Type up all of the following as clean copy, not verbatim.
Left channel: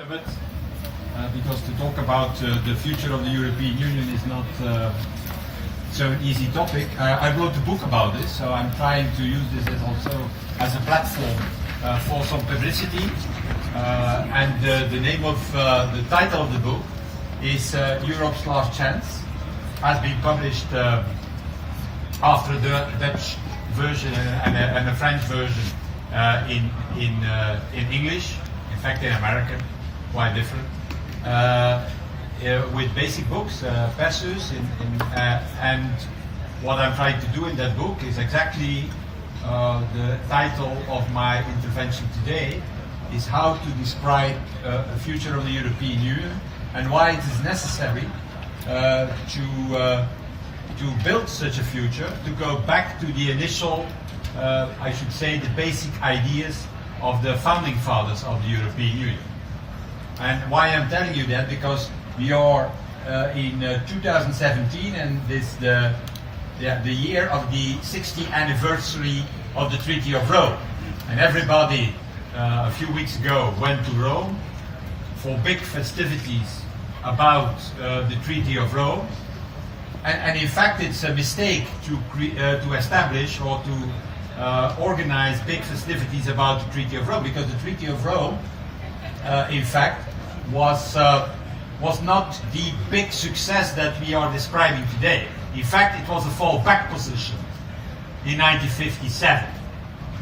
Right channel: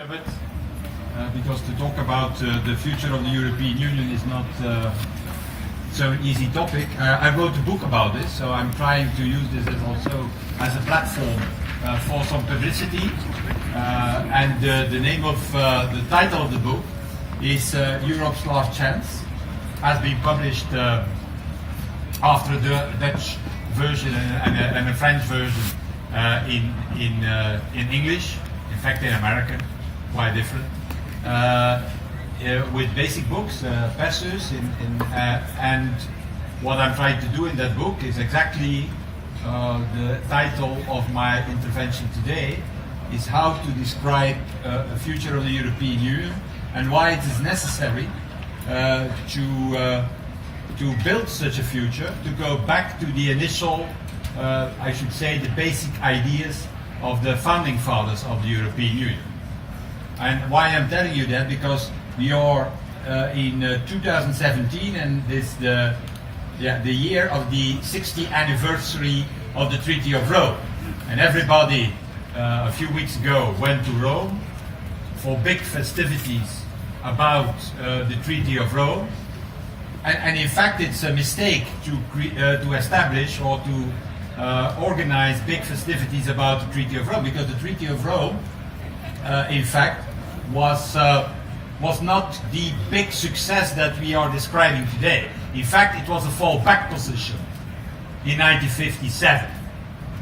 Because to talk about the future of the European Union is not so an easy topic. I wrote a book about this, so I'm trying to use this as a platform for some publicity. And the name of the title of the book is Europe's Last Chance. Has been published after the Dutch version and a French version in English. In fact, in American, quite different. With basic books, Persus, and what I'm trying to do in that book is exactly the title of my intervention today, is how to describe a future of the European Union and why it is necessary to build such a future, to go back to the initial, I should say, the basic ideas of the founding fathers of the European Union. And why I'm telling you that, because we are in 2017, and this the year of the 60th anniversary of the Treaty of Rome. And everybody a few weeks ago went to Rome for big festivities about the Treaty of Rome. And in fact, it's a mistake to establish or to organize big festivities about the Treaty of Rome, because the Treaty of Rome, in fact, was not the big success that we are describing today. In fact, it was a fallback position in 1957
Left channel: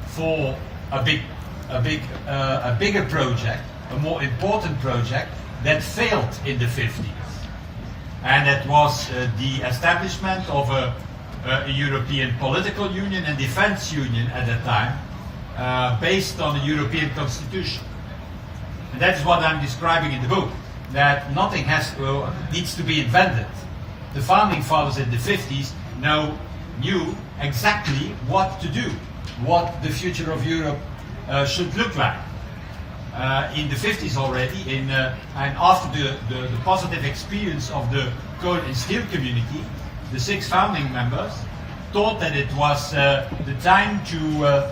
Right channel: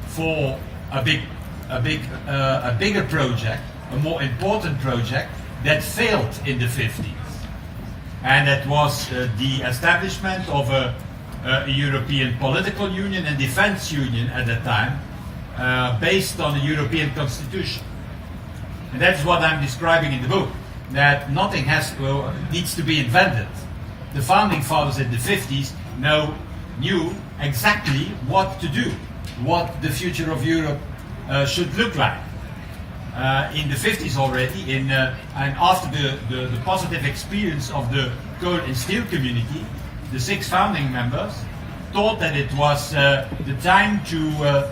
for a bigger project, a more important project that failed in the 50s, and that was the establishment of a European political union and defense union at that time, based on the European Constitution. And that is what I'm describing in the book, that nothing needs to be invented. The founding fathers in the 50s knew exactly what to do, what the future of Europe should look like. In the 50s already, and after the positive experience of the coal and steel community, the 6 founding members thought that it was the time to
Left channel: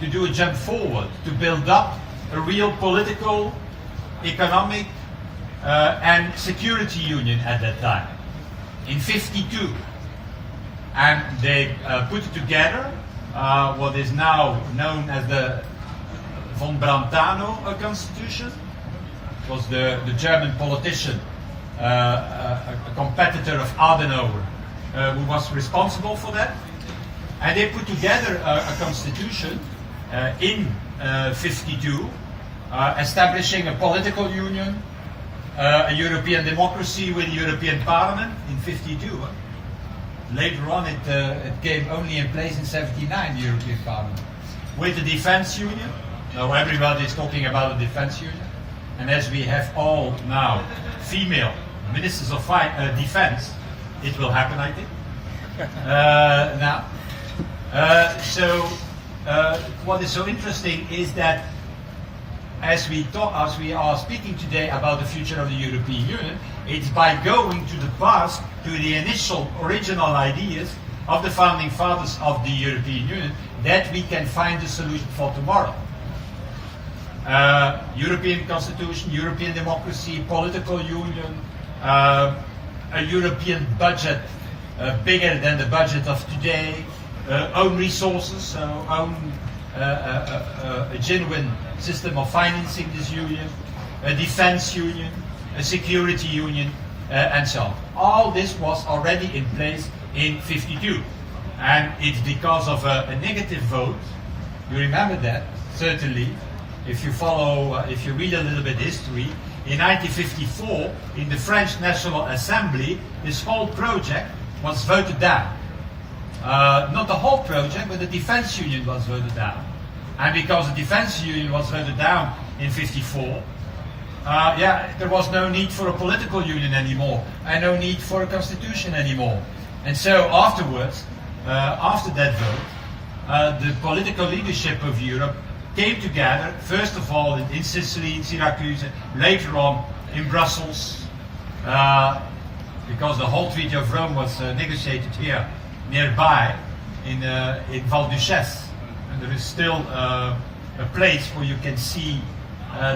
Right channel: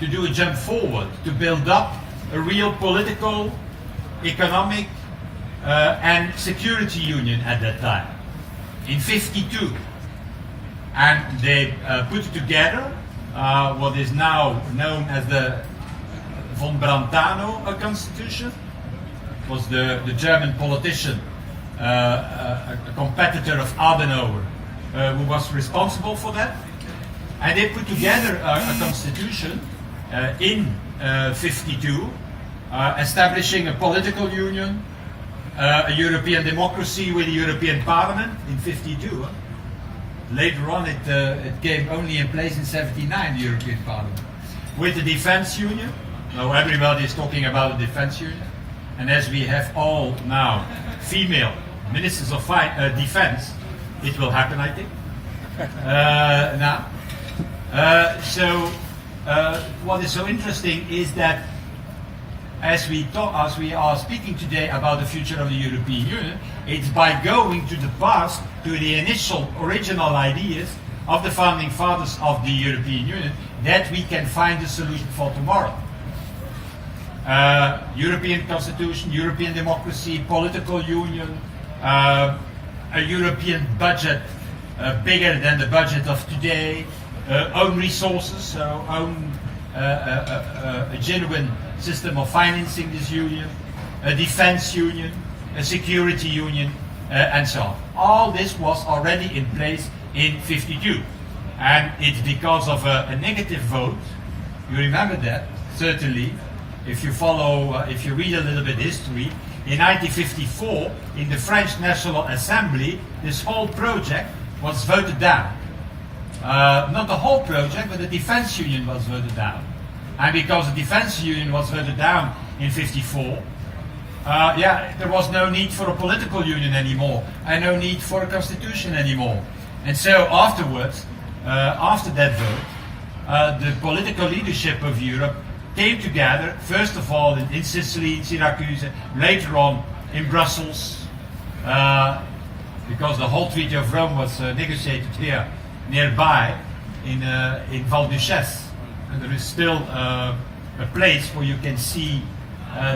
do a jump forward, to build up a real political, economic and security union at that time, in 52. And they put together what is now known as the von Brantano Constitution. It was the German politician, a competitor of Adenauer, who was responsible for that. And they put together a constitution in 52, establishing a political union, a European democracy with a European Parliament in 52. Later on, it came only in place in 79, the European Parliament, with the defense union. Now everybody is talking about the defense union, and as we have all now female ministers of defense, it will happen, I think. Now, so what is so interesting is that as we are speaking today about the future of the European Union, it's by going to the past, to the initial original ideas of the founding fathers of the European Union, that we can find a solution for tomorrow. European Constitution, European democracy, political union, a European budget bigger than the budget of today, own resources, so a genuine system of financing this union, a defense union, a security union, and so on. All this was already in place in 52. And it's because of a negative vote, you remember that, certainly, if you read a little bit history, in 1954, in the French National Assembly, this whole project was voted down. Not the whole project, but the defense union was voted down. And because the defense union was voted down in 54, there was no need for a political union anymore, and no need for a constitution anymore. And so afterwards, after that vote, the political leadership of Europe came together, first of all in Sicily, Syracuse, later on in Brussels, because the whole Treaty of Rome was negotiated here nearby in Val Duchesse. And there is still a place where you can see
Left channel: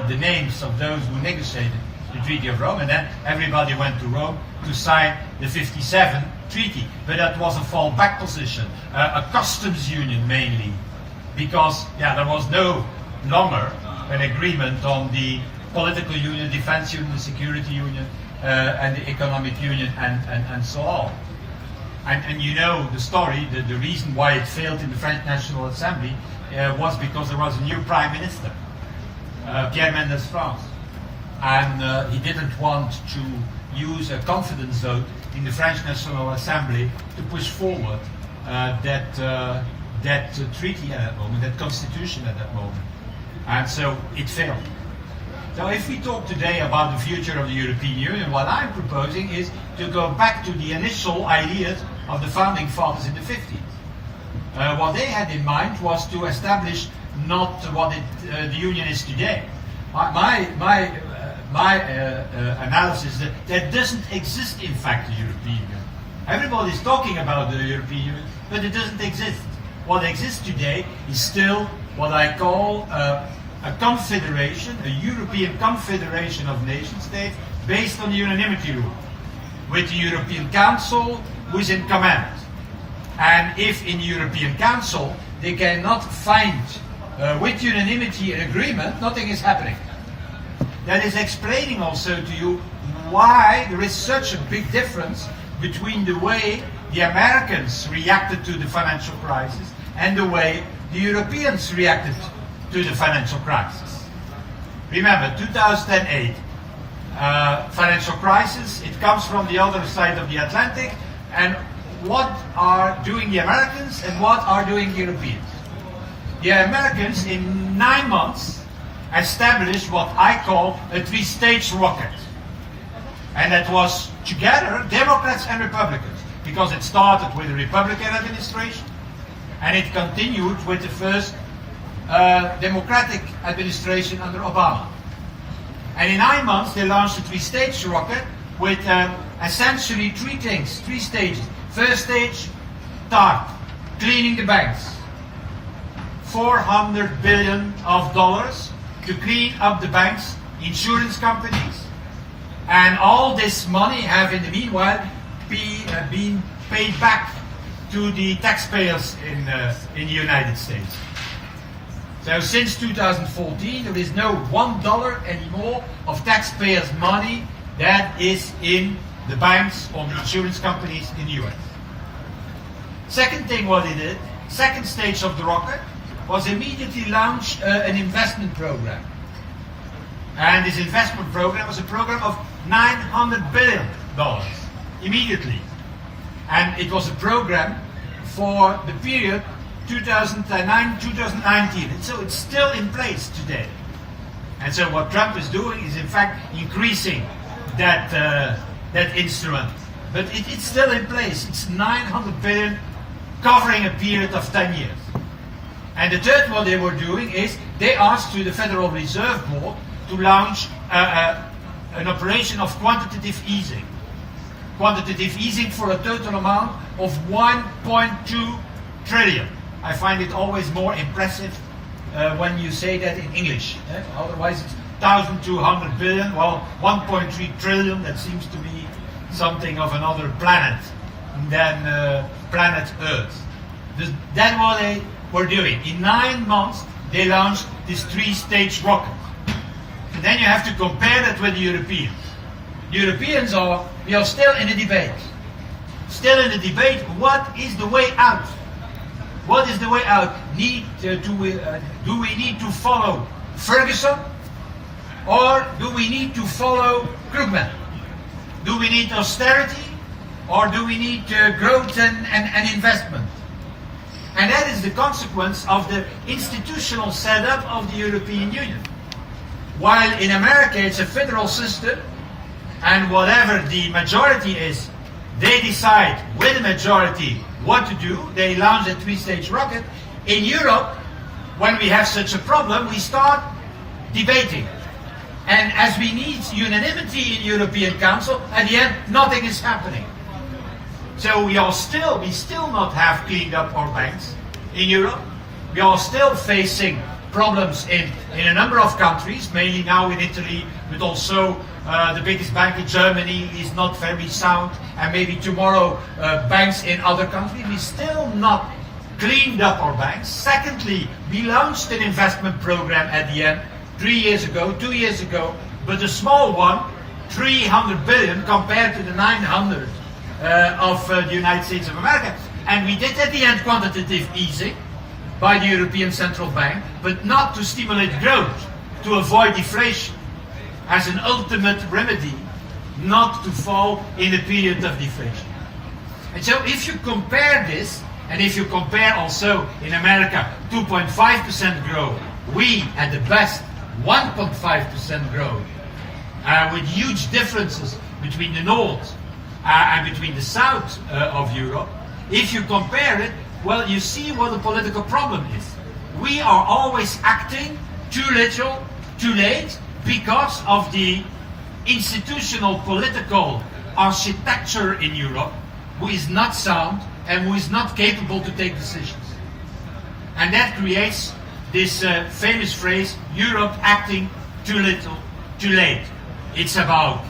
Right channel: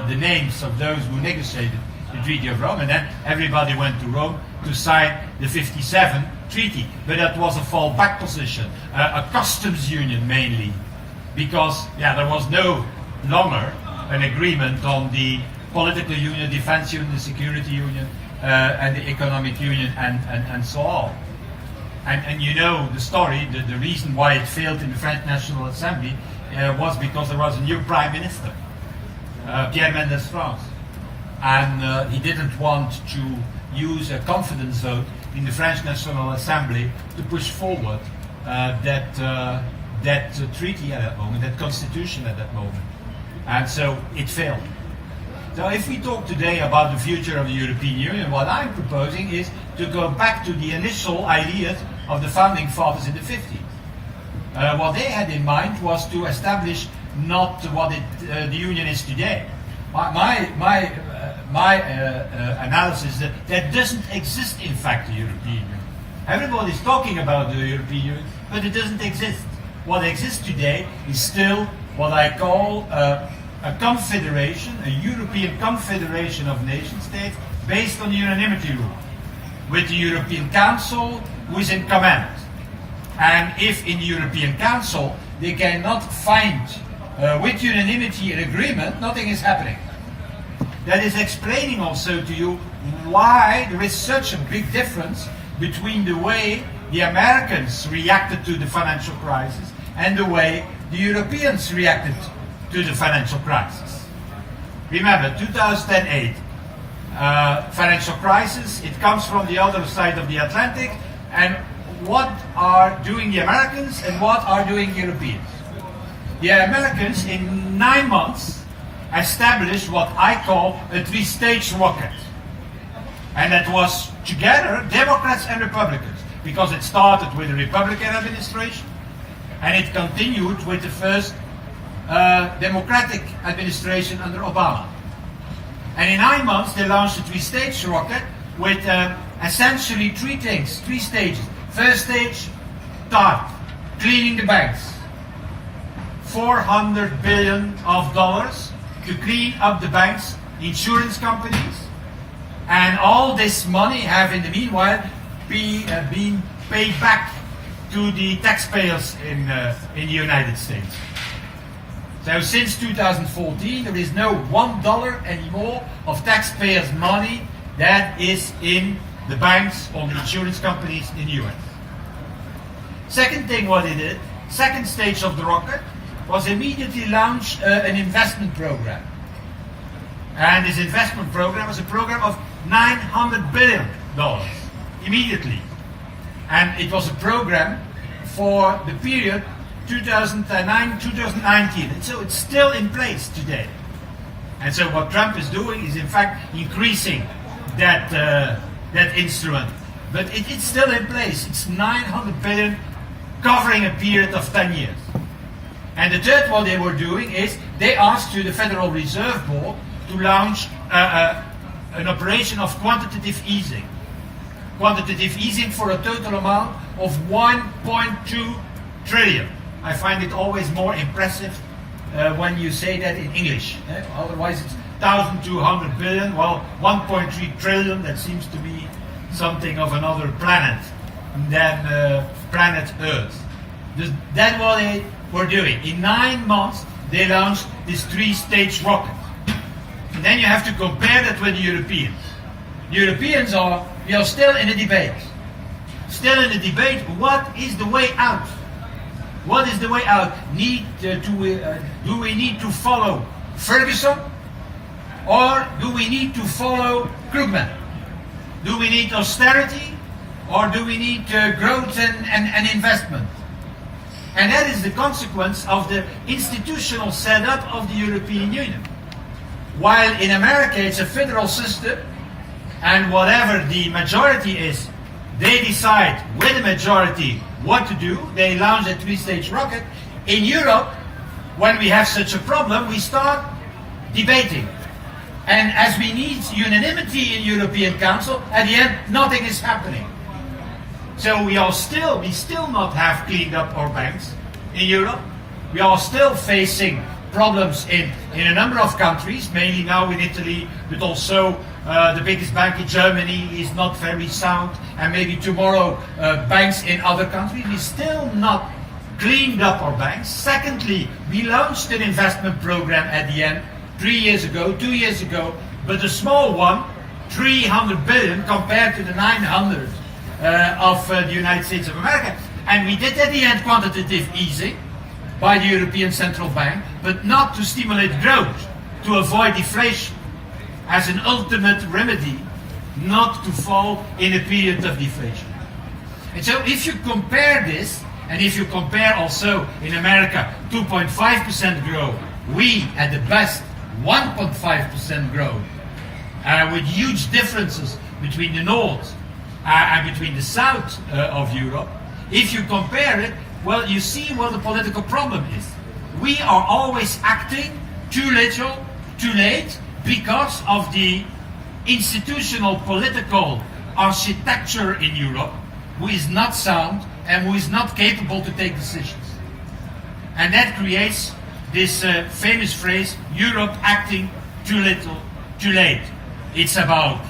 the names of those who negotiated the Treaty of Rome, and then everybody went to Rome to sign the 57 treaty. But that was a fallback position, a customs union mainly, because there was no longer an agreement on the political union, defense union, the security union, and the economic union, and so on. And you know the story, the reason why it failed in the French National Assembly was because there was a new prime minister, Pierre Mendès France. And he didn't want to use a confidence vote in the French National Assembly to push forward that treaty at that moment, that constitution at that moment. And so it failed. So if we talk today about the future of the European Union, what I'm proposing is to go back to the initial ideas of the founding fathers in the 50s. What they had in mind was to establish not what the Union is today. My analysis is that doesn't exist, in fact, the European Union. Everybody's talking about the European Union, but it doesn't exist. What exists today is still what I call a confederation, a European confederation of nation states based on the unanimity rule, with the European Council who is in command. And if in the European Council they cannot find with unanimity an agreement, nothing is happening. That is explaining also to you why there is such a big difference between the way the Americans reacted to the financial crisis and the way the Europeans reacted to the financial crisis. Remember, 2008, financial crisis, it comes from the other side of the Atlantic, and what are doing the Americans and what are doing the Europeans? The Americans, in 9 months, established what I call a three-stage rocket. And that was together Democrats and Republicans, because it started with the Republican administration and it continued with the first Democratic administration under Obama. And in 9 months they launched a three-stage rocket with essentially three things, three stages. First stage, TARP, cleaning the banks. $400 billion to clean up the banks, insurance companies, and all this money have in the meanwhile been paid back to the taxpayers in the United States. So since 2014 there is no $1 anymore of taxpayers' money that is in the banks or the insurance companies in the US. Second thing what it did, second stage of the rocket, was immediately launch an investment program. And this investment program was a program of $900 billion, immediately. And it was a program for the period 2009-2019. And so it's still in place today. And so what Trump is doing is in fact increasing that instrument. But it's still in place. It's $900 billion covering a period of 10 years. And the third what they were doing is they asked to the Federal Reserve Board to launch an operation of quantitative easing. Quantitative easing for a total amount of 1.2 trillion. I find it always more impressive when you say that in English. Otherwise it's 1,200 billion, well 1.3 trillion, that seems to be something of another planet than planet Earth. That's what they were doing. In 9 months they launched this three-stage rocket. And then you have to compare that with the Europeans. The Europeans we are still in a debate. Still in a debate, what is the way out? What is the way out? Do we need to follow Ferguson? Or do we need to follow Krugman? Do we need austerity? Or do we need growth and investment? And that is the consequence of the institutional setup of the European Union. While in America it's a federal system, and whatever the majority is, they decide with the majority what to do. They launch a three-stage rocket. In Europe, when we have such a problem, we start debating. And as we need unanimity in European Council, at the end, nothing is happening. So we still not have cleaned up our banks in Europe. We are still facing problems in a number of countries, mainly now in Italy, but also the biggest bank in Germany is not very sound, and maybe tomorrow banks in other countries. We still not cleaned up our banks. Secondly, we launched an investment program at the end 2 years ago, but a small one, 300 billion compared to the 900 of the United States of America. And we did at the end quantitative easing by the European Central Bank, but not to stimulate growth, to avoid deflation, as an ultimate remedy, not to fall in a period of deflation. And so if you compare this, and if you compare also in America 2.5% growth, we at the best 1.5% growth, with huge differences between the north and between the south of Europe. If you compare it, well, you see what the political problem is. We are always acting too little, too late, because of the institutional political architecture in Europe, who is not sound and who is not capable to take decisions. And that creates this famous phrase, Europe acting too little, too late. It's about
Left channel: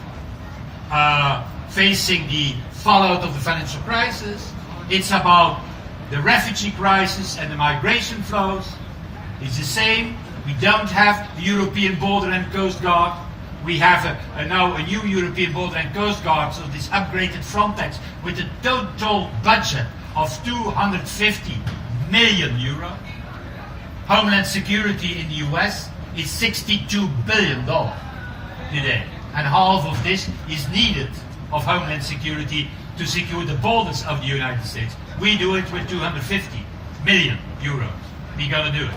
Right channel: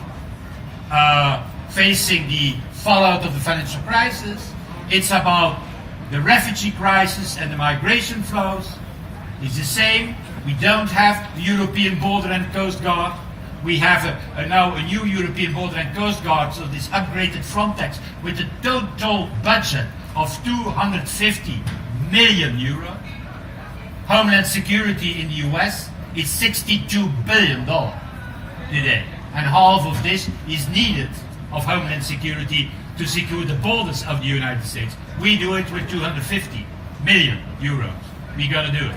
facing the fallout of the financial crisis. It's about the refugee crisis and the migration flows. It's the same. We don't have the European Border and Coast Guard. We have now a new European Border and Coast Guard, so this upgraded Frontex with a total budget of 250 million euro. Homeland Security in the US is $62 billion today. And half of this is needed of Homeland Security to secure the borders of the United States. We do it with 250 million euros. We're going to do it.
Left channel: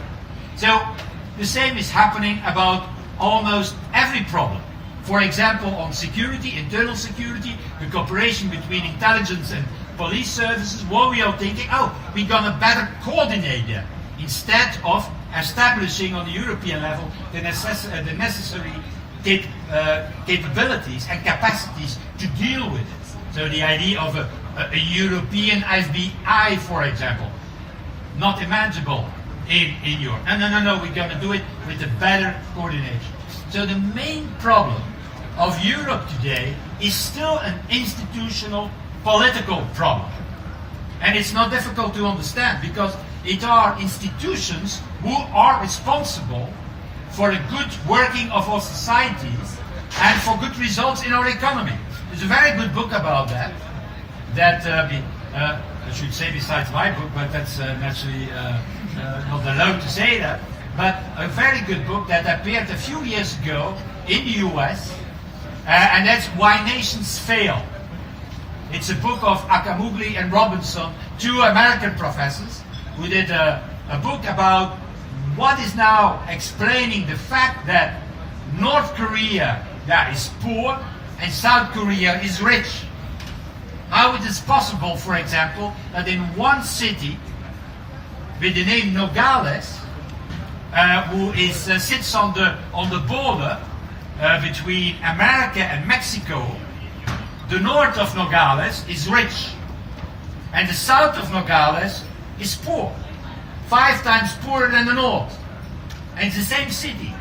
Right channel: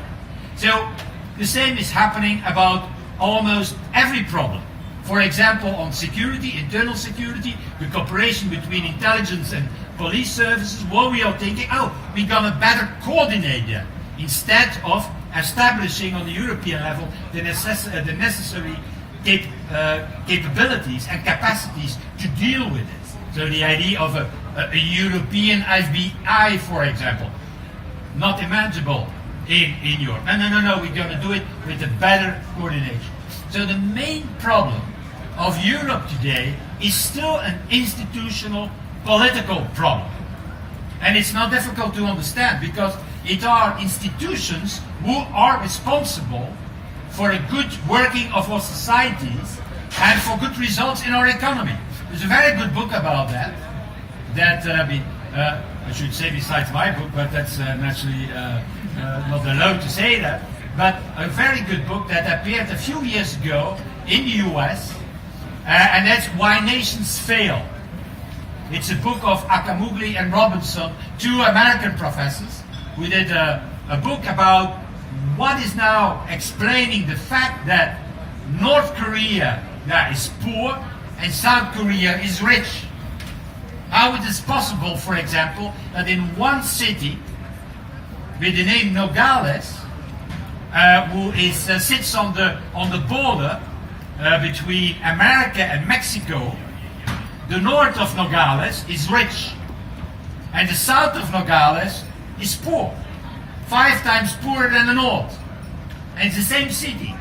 So the same is happening about almost every problem. For example, on security, internal security, the cooperation between intelligence and police services, what we are thinking, we're going to better coordinate them instead of establishing on the European level the necessary capabilities and capacities to deal with it. So the idea of a European FBI, for example, not imaginable in Europe. No, we're going to do it with a better coordination. So the main problem of Europe today is still an institutional political problem. And it's not difficult to understand because it are institutions who are responsible for a good working of our societies and for good results in our economy. There's a very good book about that, I should say besides my book, but that's naturally not allowed to say that, but a very good book that appeared a few years ago in the US, and that's Why Nations Fail. It's a book of Akamugli and Robinson, two American professors, who did a book about what is now explaining the fact that North Korea is poor and South Korea is rich. How it is possible, for example, that in one city with the name Nogales, who sits on the border between America and Mexico, the north of Nogales is rich, and the south of Nogales is poor, 5 times poorer than the north. And it's the same city.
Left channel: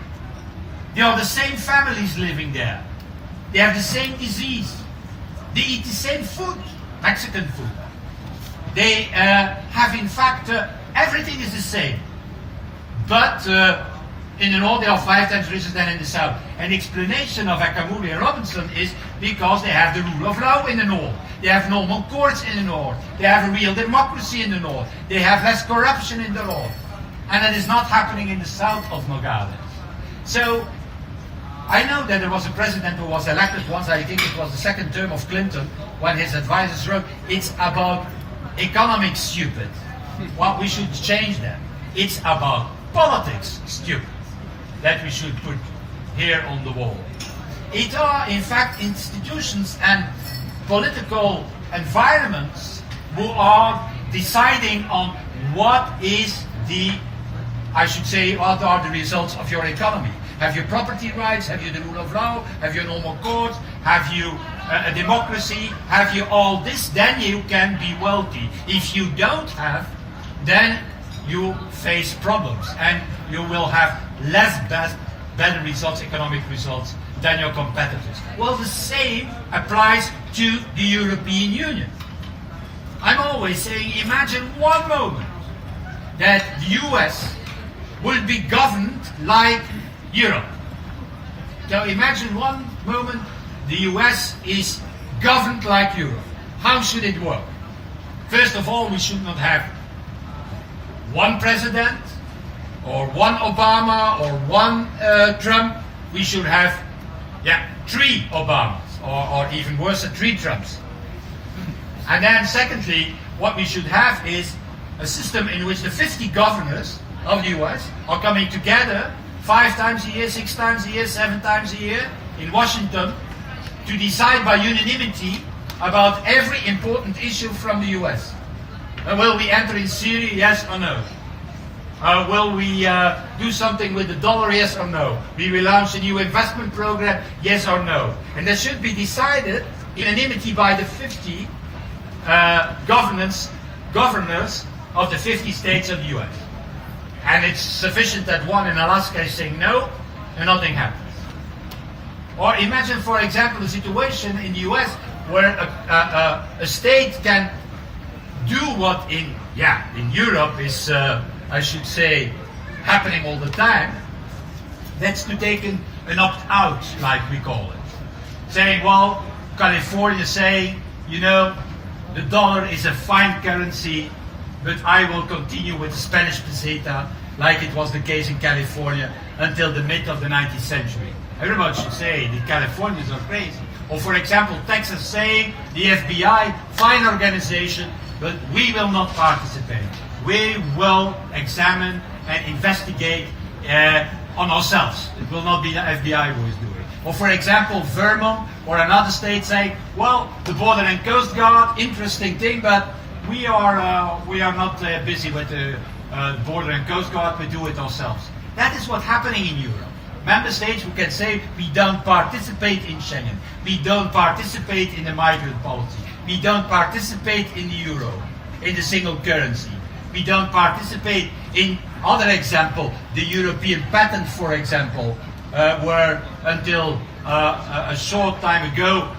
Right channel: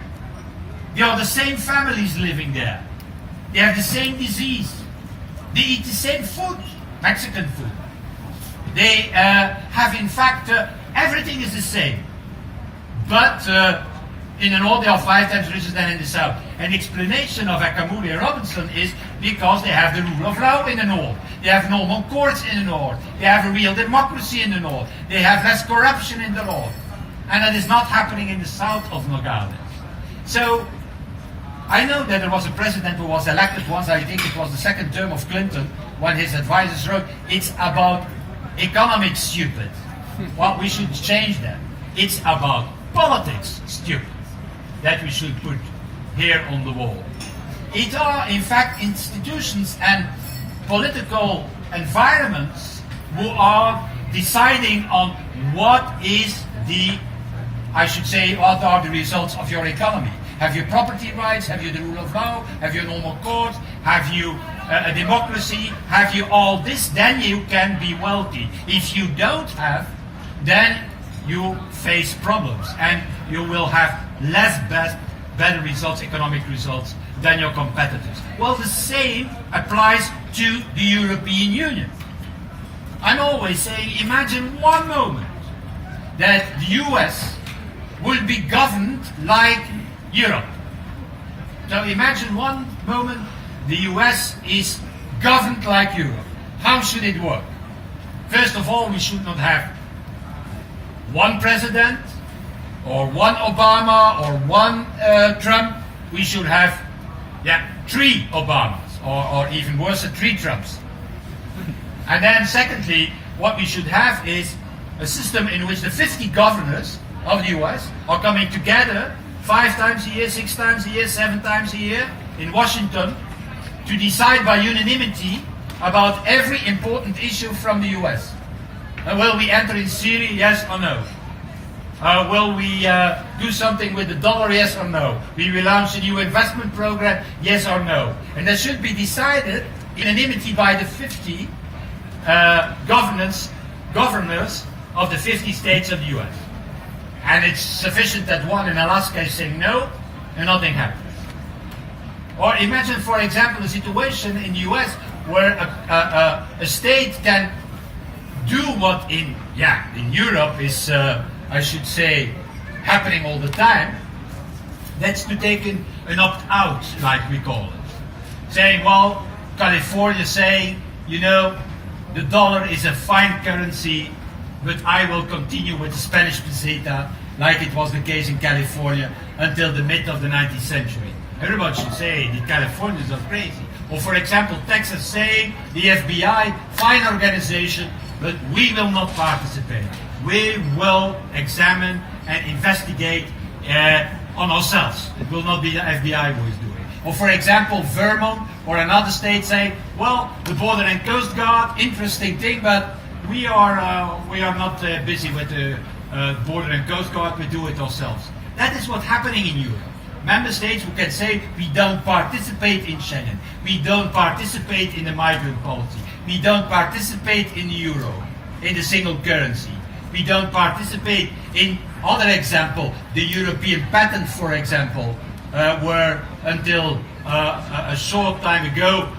They are the same families living there. They have the same disease. They eat the same food, Mexican food. They have, in fact, everything is the same. But in the north, they are 5 times richer than in the south. An explanation of Akamuli and Robinson is because they have the rule of law in the north. They have normal courts in the north. They have a real democracy in the north. They have less corruption in the north. And that is not happening in the south of Nogales. So, I know that there was a president who was elected once, I think it was the second term of Clinton, when his advisors wrote, it's about economics, stupid. Well, we should change that. It's about politics, stupid, that we should put here on the wall. It are, in fact, institutions and political environments who are deciding on what is what are the results of your economy. Have you property rights? Have you the rule of law? Have you a normal court? Have you a democracy? Have you all this? Then you can be wealthy. If you don't have, then you face problems and you will have better results, economic results, than your competitors. Well, the same applies to the European Union. I'm always saying, imagine one moment that the US will be governed like Europe. So imagine one moment the US is governed like Europe. How should it work? First of all, we should not have one president, or one Obama, or one Trump. We should have, three Obamas, or even worse, three Trumps. And then secondly, what we should have is a system in which the 50 governors of the US are coming together 5 times a year, 6 times a year, 7 times a year in Washington to decide by unanimity about every important issue from the US. Will we enter in Syria, yes or no? Will we do something with the dollar, yes or no? We will launch a new investment program, yes or no? And that should be decided in unanimity by the 50 governors of the 50 states of the US. And it's sufficient that one in Alaska is saying no, and nothing happens. Or imagine, for example, a situation in the US where a state can do what in Europe is, I should say, happening all the time. That's to take an opt-out, like we call it. Saying, well, California saying, the dollar is a fine currency, but I will continue with the Spanish peseta, like it was the case in California until the mid of the 19th century. Everybody should say the Californians are crazy. Or for example, Texas saying, the FBI, fine organization, but we will not participate. We will examine and investigate on ourselves. It will not be the FBI who is doing it. Or for example, Vermont or another state saying, well, the Border and Coast Guard, interesting thing, but we are not busy with the Border and Coast Guard, we do it ourselves. That is what's happening in Europe. Member states who can say, we don't participate in Schengen, we don't participate in the migrant policy, we don't participate in the euro, in the single currency, we don't participate in other example, the European patent, for example, where until a short time ago,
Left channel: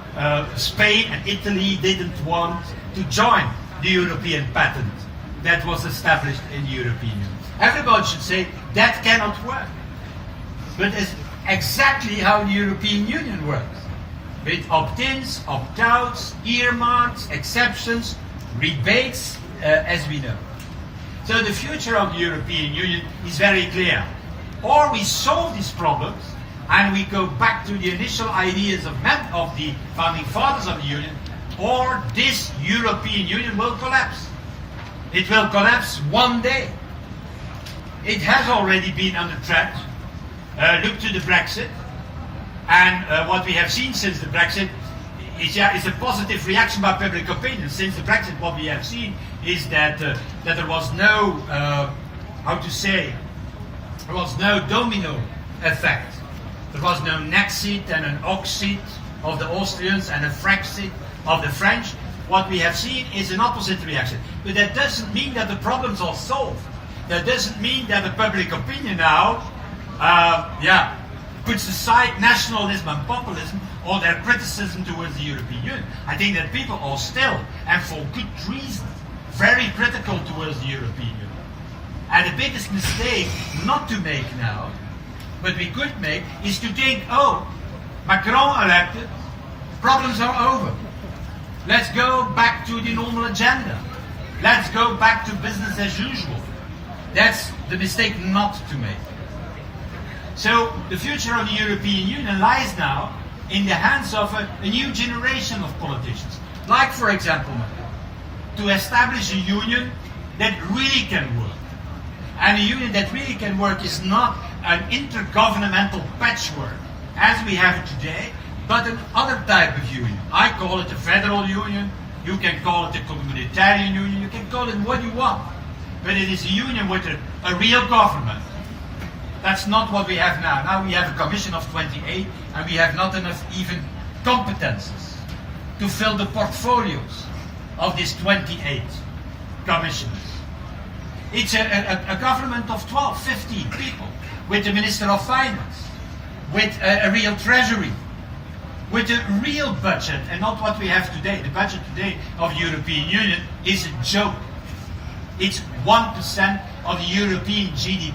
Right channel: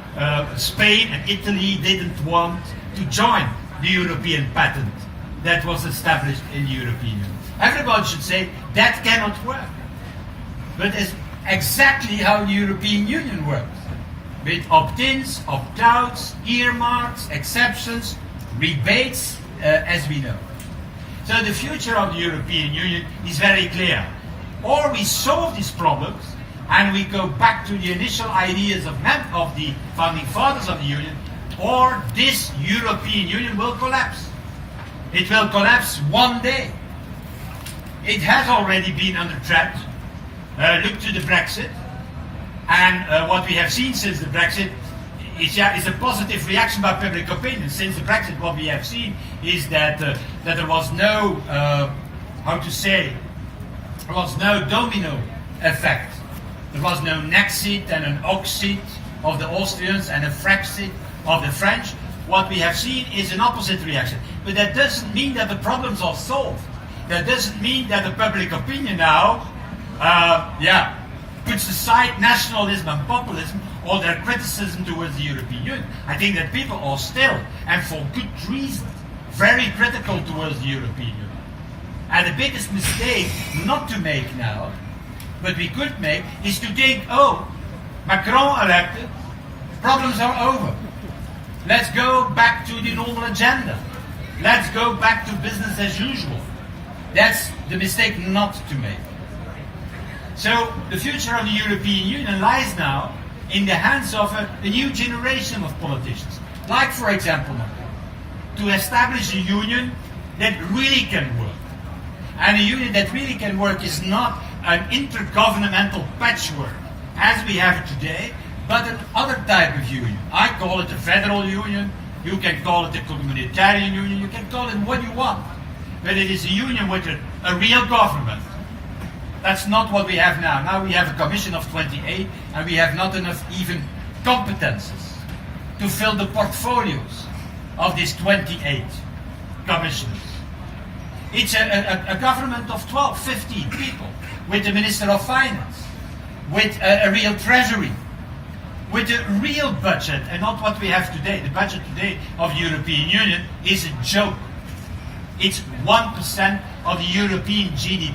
Spain and Italy didn't want to join the European patent that was established in the European Union. Everybody should say that cannot work. But it's exactly how the European Union works. With opt-ins, opt-outs, earmarks, exceptions, rebates, as we know. So the future of the European Union is very clear. Or we solve these problems and we go back to the initial ideas of the founding fathers of the Union, or this European Union will collapse. It will collapse one day. It has already been under threat. Look to the Brexit. And what we have seen since the Brexit is a positive reaction by public opinion. Since the Brexit, what we have seen is that there was no, there was no domino effect. There was no Nexit and an Oxit of the Austrians and a Frexit of the French. What we have seen is an opposite reaction. But that doesn't mean that the problems are solved. That doesn't mean that the public opinion now, puts aside nationalism and populism or their criticism towards the European Union. I think that people are still, and for good reason, very critical towards the European Union. And the biggest mistake not to make now, but we could make, is to think, oh, Macron elected, problems are over. Let's go back to the normal agenda. Let's go back to business as usual. That's the mistake not to make. So the future of the European Union lies now in the hands of a new generation of politicians. Like, for example, to establish a union that really can work. And a union that really can work is not an intergovernmental patchwork, as we have it today, but another type of union. I call it a federal union, you can call it a communitarian union, you can call it what you want. But it is a union with a real government. That's not what we have now. Now we have a commission of 28 and we have not enough even competences to fill the portfolios of these 28 commissioners. It's a government of 12, 15 people, with the Minister of Finance, with a real treasury, with a real budget, and not what we have today. The budget today of the European Union is a joke. It's 1% of the European GDP.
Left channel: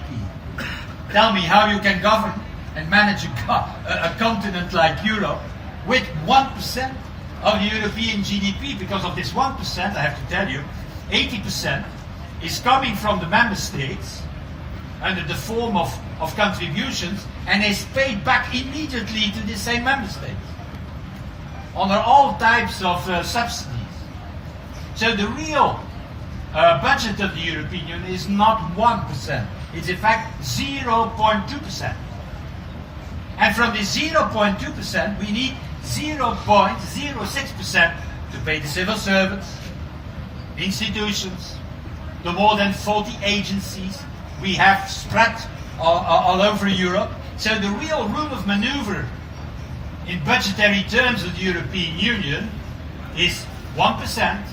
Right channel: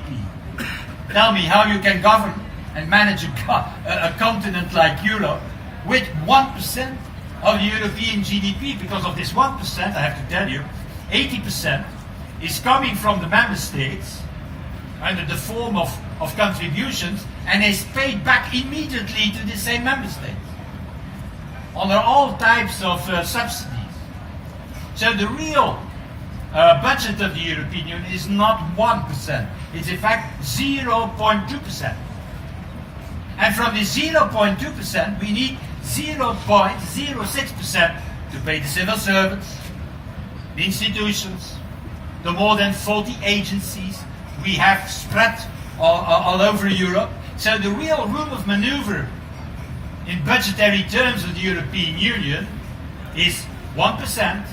Tell me how you can govern and manage a continent like Europe with 1% of the European GDP. Because of this 1%, I have to tell you, 80% is coming from the member states under the form of contributions, and is paid back immediately to the same member states under all types of subsidies. So the real budget of the European Union is not 1%. It's in fact 0.2%. And from the 0.2%, we need 0.06% to pay the civil servants, the institutions, the more than 40 agencies we have spread all over Europe. So the real room of maneuver in budgetary terms of the European Union is 1%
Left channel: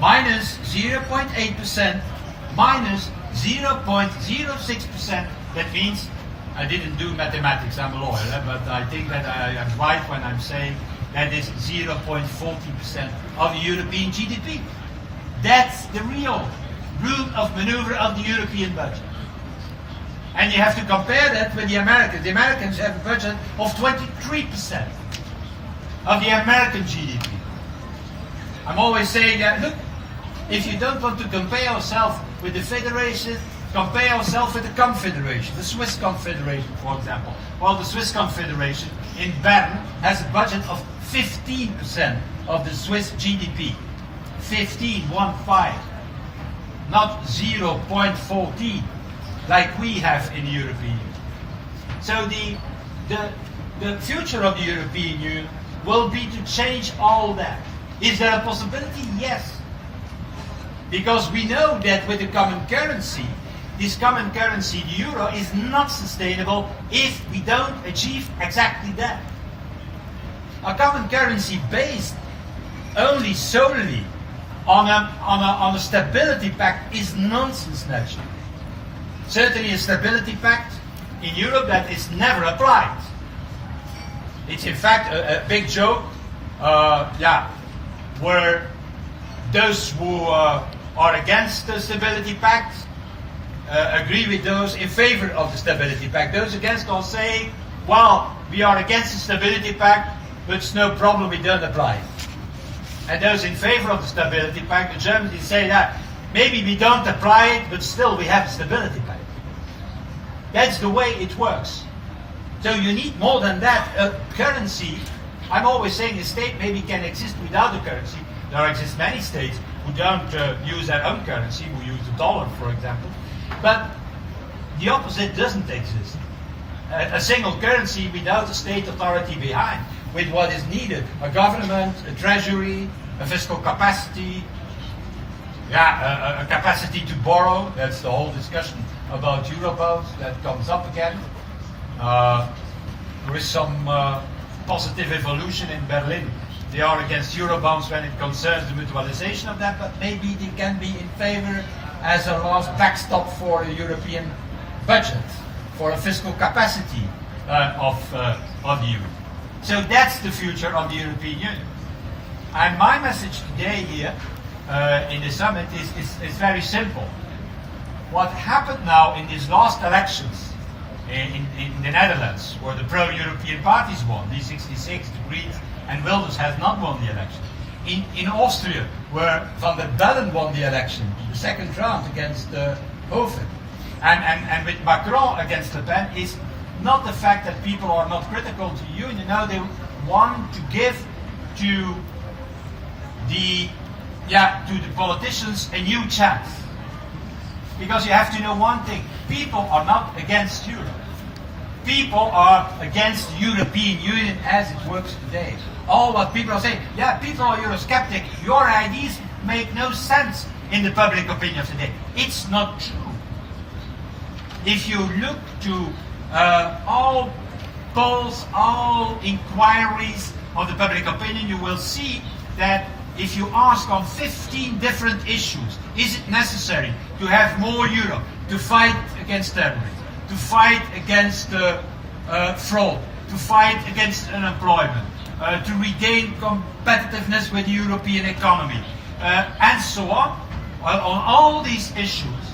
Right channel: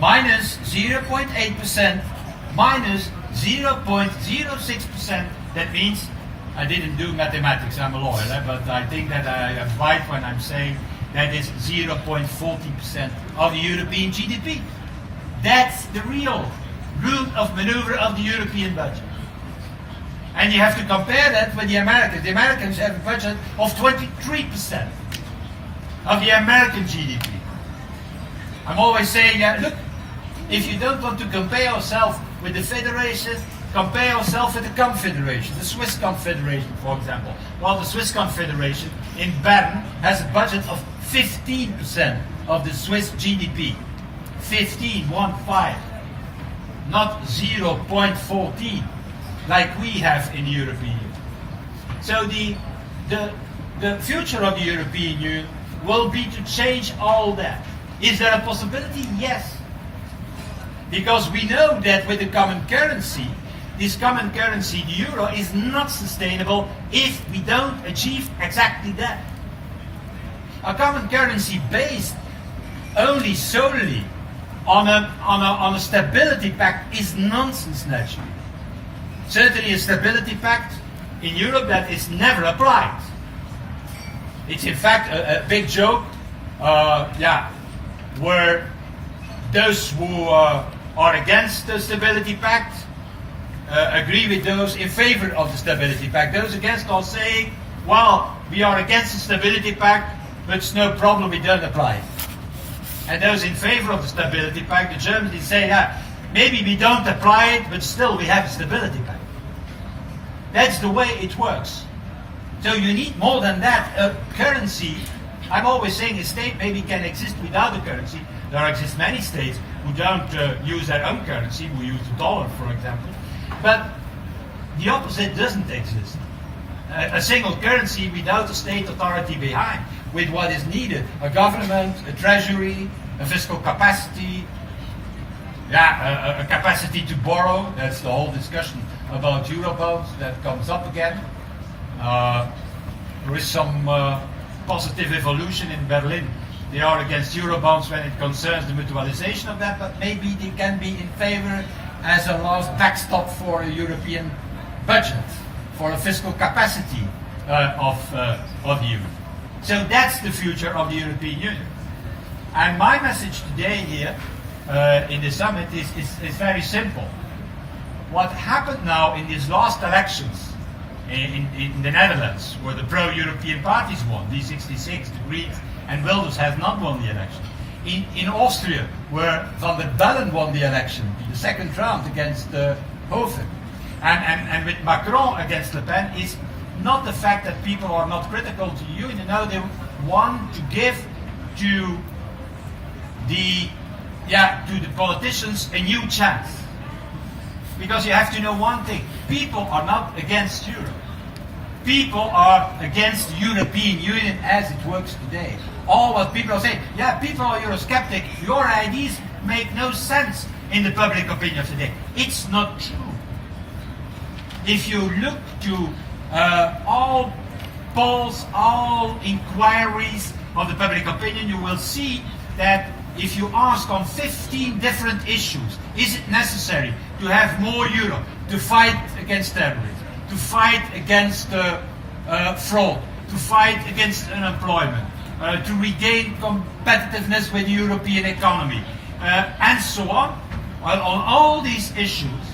minus 0.8% minus 0.06%. That means, I didn't do mathematics, I'm a lawyer, but I think that I am right when I'm saying that is 0.40% of the European GDP. That's the real room of maneuver of the European budget. And you have to compare that with the Americans. The Americans have a budget of 23% of the American GDP. I'm always saying that, look, if you don't want to compare yourself with the Federation, compare yourself with the Confederation, the Swiss Confederation, for example. Well, the Swiss Confederation in Bern has a budget of 15% of the Swiss GDP. 15, 1-5. Not 0.14 like we have in the European Union. So the future of the European Union will be to change all that. Is there a possibility? Yes. Because we know that with the common currency, this common currency, the euro, is not sustainable if we don't achieve exactly that. A common currency based only solely on a stability pact is nonsense, naturally. Certainly a stability pact in Europe that is never applied. It's in fact a big joke, where those who are against the stability pact agree with those in favor of the stability pact. Those against are saying, well, we are against the stability pact, but it's no problem, we don't apply it. And those in favor of the stability pact, the Germans, say that maybe we don't apply it, but still we have a stability pact. That's the way it works. So you need more than that. A currency, I'm always saying a state maybe can exist without a currency. There exist many states who don't use their own currency, who use the dollar, for example. But the opposite doesn't exist. A single currency without a state authority behind, with what is needed: a government, a treasury, a fiscal capacity, a capacity to borrow. That's the whole discussion about Eurobonds that comes up again. There is some positive evolution in Berlin. They are against Eurobonds when it concerns the mutualization of that, but maybe they can be in favor as a last backstop for a European budget, for a fiscal capacity of the Union. So that's the future of the European Union. And my message today here in the summit is very simple. What happened now in these last elections in the Netherlands, where the pro-European parties won, D66, the Greens, and Wilders has not won the election. In Austria, where Van der Bellen won the election, the second round against Hoven, and with Macron against Le Pen, is not the fact that people are not critical to the Union. No, they want to give to the politicians a new chance. Because you have to know one thing: people are not against Europe. People are against the European Union as it works today. All what people are saying, people are Eurosceptic, your ideas make no sense in the public opinion of today. It's not true. If you look to all polls, all inquiries of the public opinion, you will see that if you ask on 15 different issues, is it necessary to have more Europe to fight against terrorism, to fight against fraud, to fight against unemployment, to regain competitiveness with the European economy, and so on. Well, on all these issues,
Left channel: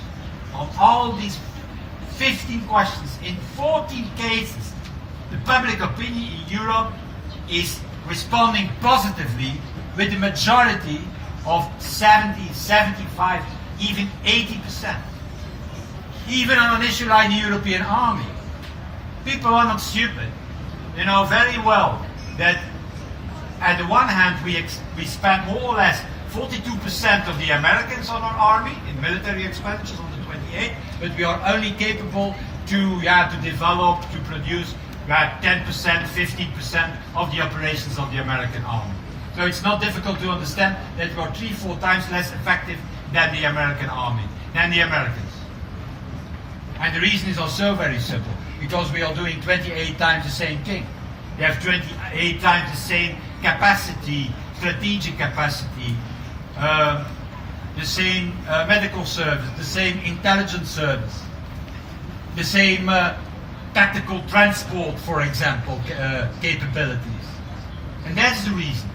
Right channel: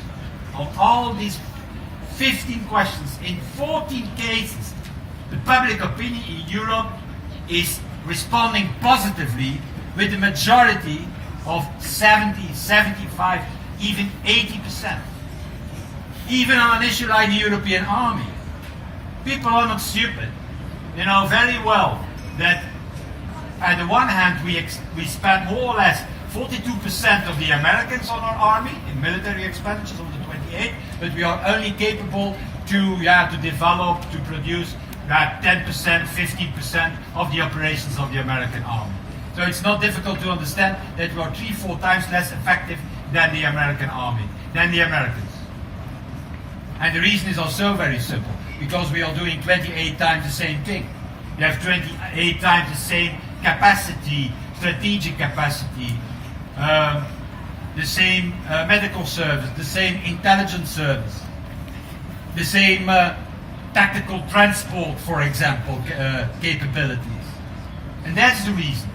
on all these 15 questions, in 14 cases, the public opinion in Europe is responding positively with a majority of 70, 75, even 80%. Even on an issue like the European army. People are not stupid. They know very well that at the one hand we spend more or less 42% of the Americans on our army in military expenditures on the 28, but we are only capable to develop, to produce 10%, 15% of the operations of the American army. So it's not difficult to understand that we are 3-4 times less effective than the American army, than the Americans. And the reason is also very simple, because we are doing 28 times the same thing. We have 28 times the same capacity, strategic capacity, the same medical service, the same intelligence service, the same tactical transport, for example, capabilities. And that's the reason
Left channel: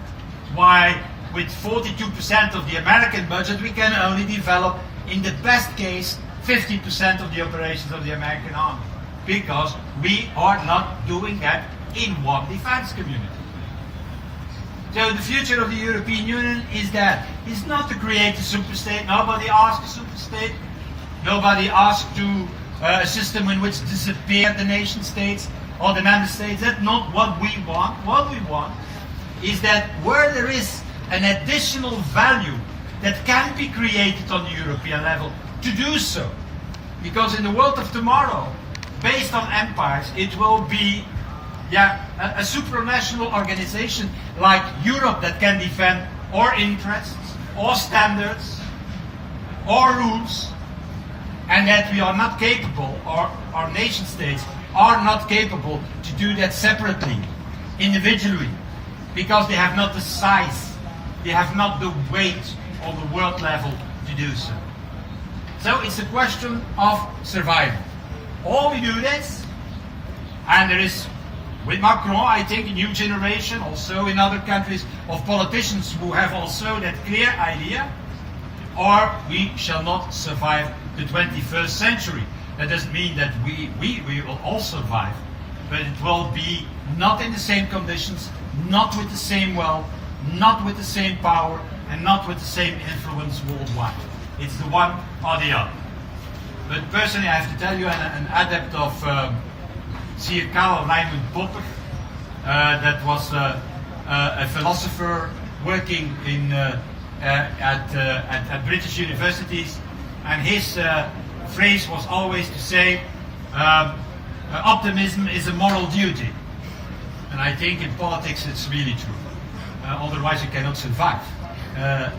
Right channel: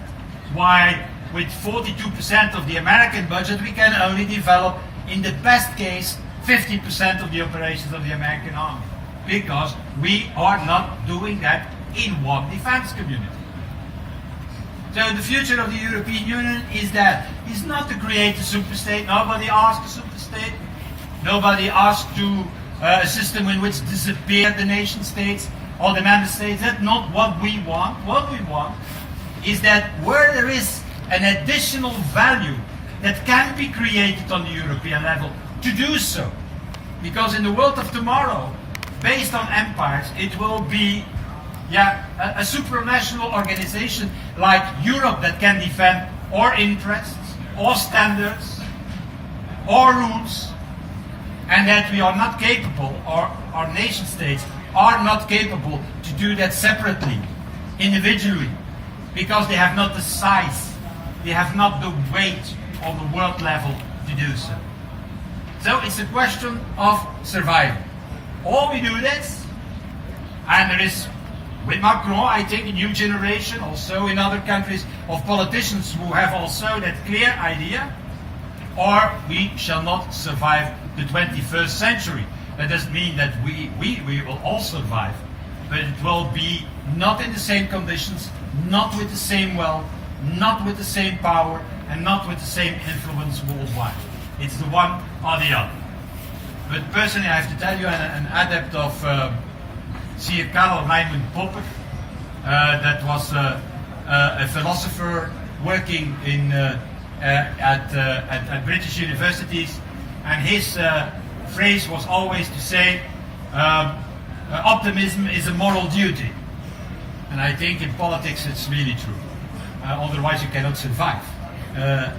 why with 42% of the American budget we can only develop, in the best case, 50% of the operations of the American army. Because we are not doing that in one defense community. So the future of the European Union is that it's not to create a superstate. Nobody asked a superstate. Nobody asked to a system in which disappear the nation states or the member states. That's not what we want. What we want is that where there is an additional value that can be created on the European level, to do so. Because in the world of tomorrow, based on empires, it will be a supranational organization like Europe that can defend our interests, our standards, our rules, and that we are not capable, or our nation states are not capable to do that separately, individually, because they have not the size, they have not the weight on the world level to do so. So it's a question of survival. Or we do this, and there is, with Macron, I think, a new generation, also in other countries, of politicians who have also that clear idea, or we shall not survive the 21st century. That doesn't mean that we will all survive, but it will be not in the same conditions, not with the same wealth, not with the same power, and not with the same influence worldwide. It's the one or the other. But personally, I have to tell you, an adept of Sir Karl Raimund Popper, that was a philosopher working in at British universities, and his phrase was always to say, optimism is a moral duty. And I think in politics it's really true. Otherwise you cannot survive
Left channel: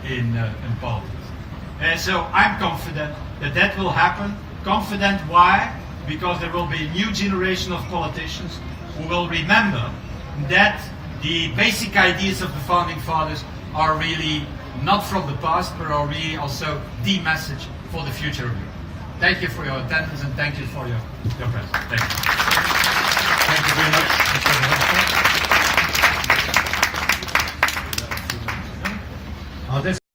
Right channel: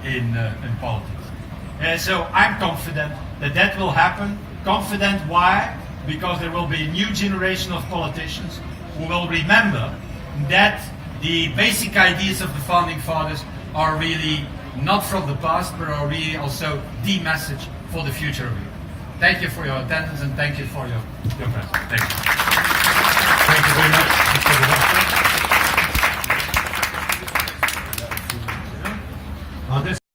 in politics. So I'm confident that that will happen. Confident why? Because there will be a new generation of politicians who will remember that the basic ideas of the founding fathers are really not from the past, but are really also the message for the future of Europe. Thank you for your attendance, and thank you for your presence. Thank you. Thank you very much, Mr. Verhofstadt.